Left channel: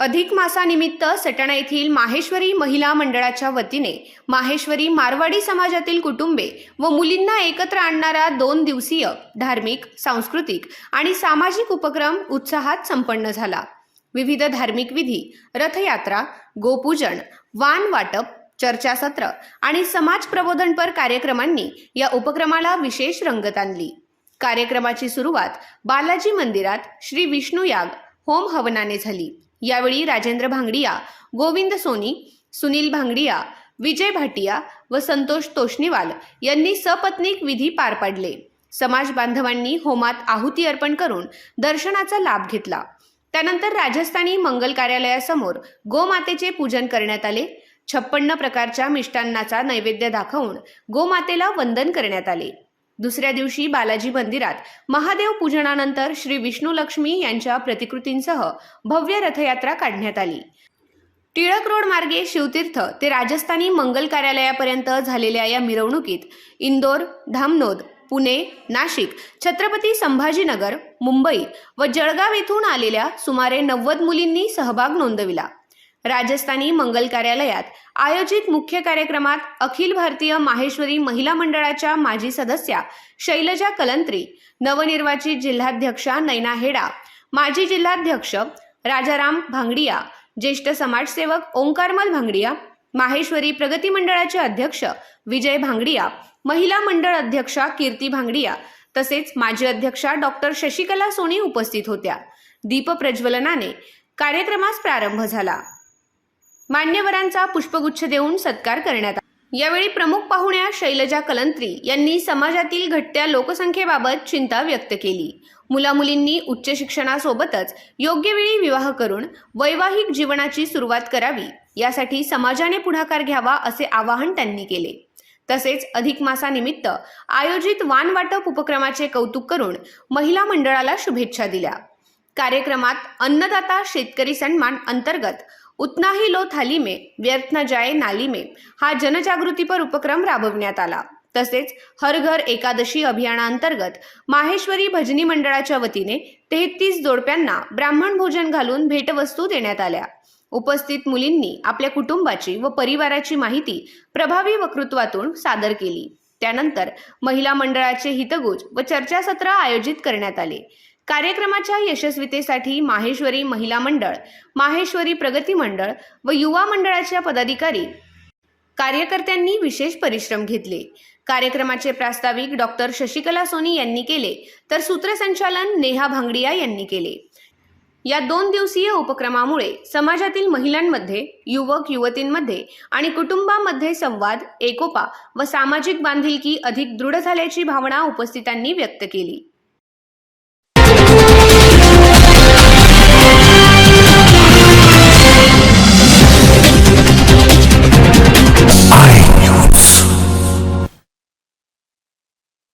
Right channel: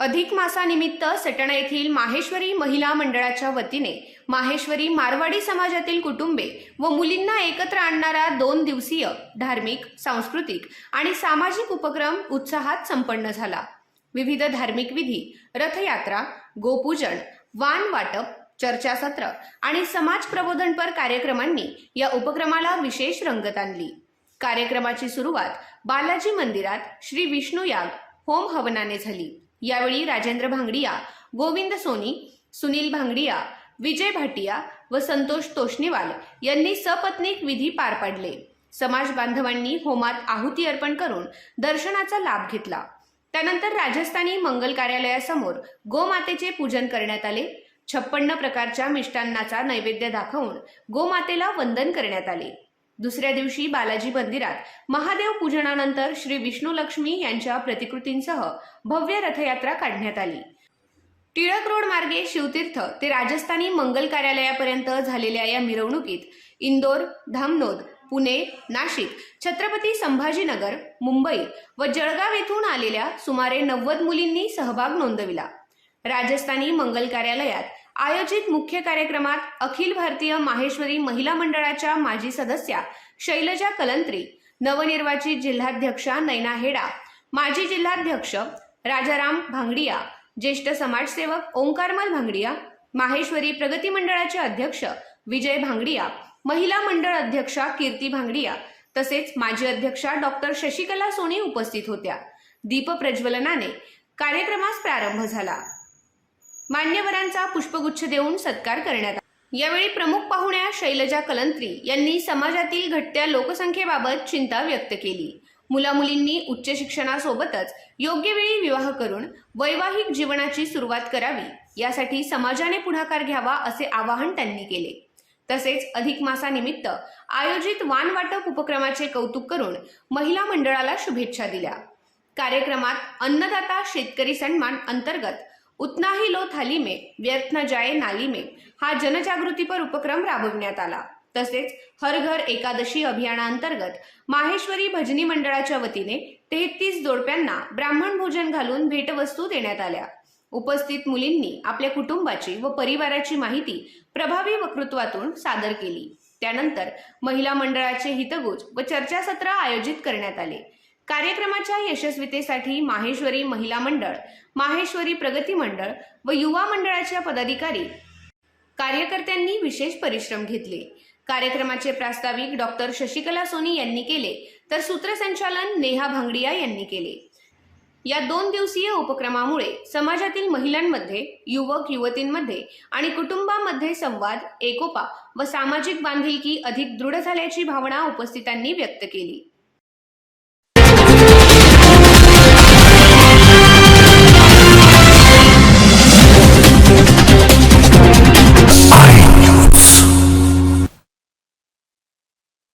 अधिक मासानिमित्त सटाणा येथील माहेश्वरी महिला मंडळाच्या वतीने माहेश्वरी मारवाडी समाजातील कुटुंबे व मुलींना एकत्र आणणारा 2 दिवसीय धार्मिक, सांस्कृतिक आणि सामाजिक उपक्रम उत्साहात संपन्न झाला। विविध धार्मिक विधी, रथयात्रा, गोपूजन, वाण वाटप, चर्चासत्र आणि समाज प्रबोधनपर कार्यक्रमांनी या उपक्रमाला विशेष रंगत आणली। कार्यक्रमाची सुरुवात बालाजी मंदिरात श्री विष्णू याग होम हवनाने झाली। यावेळी राजेंद्र भांगडिया, गोविंद सोनी, सुनील भांगडिया, विजय भाटिया व संतोष तोष्णीवाल यांनी सपत्नीक विधी पार पाडले। समाज बांधवांनी होमात आहुती अर्पण करून दर्शनाचा लाभ घेतला। त्यानंतर राजस्थानी मंगल कार्यालयासमोर गोमातेचे पूजन करण्यात आले। 56 प्रकारच्या मिष्टान्नाचा नैवेद्य दाखवून गोमातेला वंदन करण्यात आले। दुसऱ्या दिवशी बालाजी मंदिरात महादेव पूजनानंतर श्री विष्णू लक्ष्मी यांच्या प्रतिकृतींसह भव्य रथयात्रा काढण्यात आली। टिळक रोड मार्गे शिवतीर्थ ते राजस्थानी मंगल कार्यालयापर्यंत झालेल्या या मिरवणुकीत इंदोर, धामनोद, पुणे, नाशिक, छत्रपती संभाजीनगर, मुंबई व जळगाव येथून आलेल्या सुमारे 90 मुलींनी सहभाग नोंदविला। राजस्थानी मंगल कार्यालयात आयोजित मुख्य कार्यक्रमात अखिल भारतीय माहेश्वरी महिला मंडळाच्या माजी सदस्या शैलजा कलंत्री, नवनिर्वाचित जिल्हाध्यक्षा नैना हेडा, माजी जिल्हाध्यक्ष राजाराम भांगडिया, ज्येष्ठ समाजसेवक ओंकारमल भांगडिया, माहेश्वरी प्रगती मंडळाचे अध्यक्ष विजय भांगडिया, महिला मंडळ अध्यक्षा कीर्ती भांगडिया तसेच माजी अध्यक्षा डॉक्टर शशिकला सोनी उपस्थित होत्या। दीप प्रज्वलनाने कार्यक्रमास प्रारंभ झाला। मान्यवरांचा पुष्पगुच्छ देऊन सत्कार करण्यात आला। यावेळी प्रमुख पाहुण्या शैलजा कलंत्री यांनी समाजातील घटत्या लोकसंख्येबाबत चिंता व्यक्त केली। मुलामुलींनी उच्च शिक्षणासोबतच योग्य वेळी विवाह करून वैवाहिक जीवनाची सुरुवात करावी, यासाठी समाजाने पुढाकार घ्यावा असे आवाहन त्यांनी केले। तसेच अधिक मासानिमित्त आयोजित वाण वाटप उपक्रमाचे कौतुक करून महिला मंडळाला शुभेच्छा दिल्या। कार्यक्रमात अन्नदाता शेतकरी सन्मान अंतर्गत उतना ही लो थाली में व्यर्थ न जाए नाली में हा जनजागृतीपर उपक्रम राबविण्यात आला। तसेच हर घर एकादशी अभियानांतर्गत माहेश्वरी भजनी मंडळाच्या वतीने 33 जोडप्यांना ब्राह्मण भोजन घालून भेटवस्तू देण्यात आल्या। उपस्थित मुलींनी आपल्या कुटुंबाची व परिवाराची माहिती प्रभावी वक्तृत्वातून सादर केली। त्यानंतर महिला मंडळाचे हितगुज व चर्चासत्र आयोजित करण्यात आले। कार्यक्रमाच्या यशस्वीतेसाठी माहेश्वरी महिला मंडळ, माहेश्वरी प्रगती मंडळ व युवा मंडळाच्या पदाधिकारी कार्यकर्त्यांनी विशेष परिश्रम घेतले। कार्यक्रमाचे प्रास्ताविक डॉक्टर शशिकला सोनी यांनी केले, तर सूत्रसंचालन नेहा भांगडिया यांनी केले। या 2 दिवसीय उपक्रमामुळे समाजातील महिलांमध्ये, युवक युवतींमध्ये आणि कुटुंबामध्ये संवाद, एकोपा व सामाजिक बांधिलकी अधिक दृढ झाल्याची भावना उपस्थितांनी व्यक्त केली।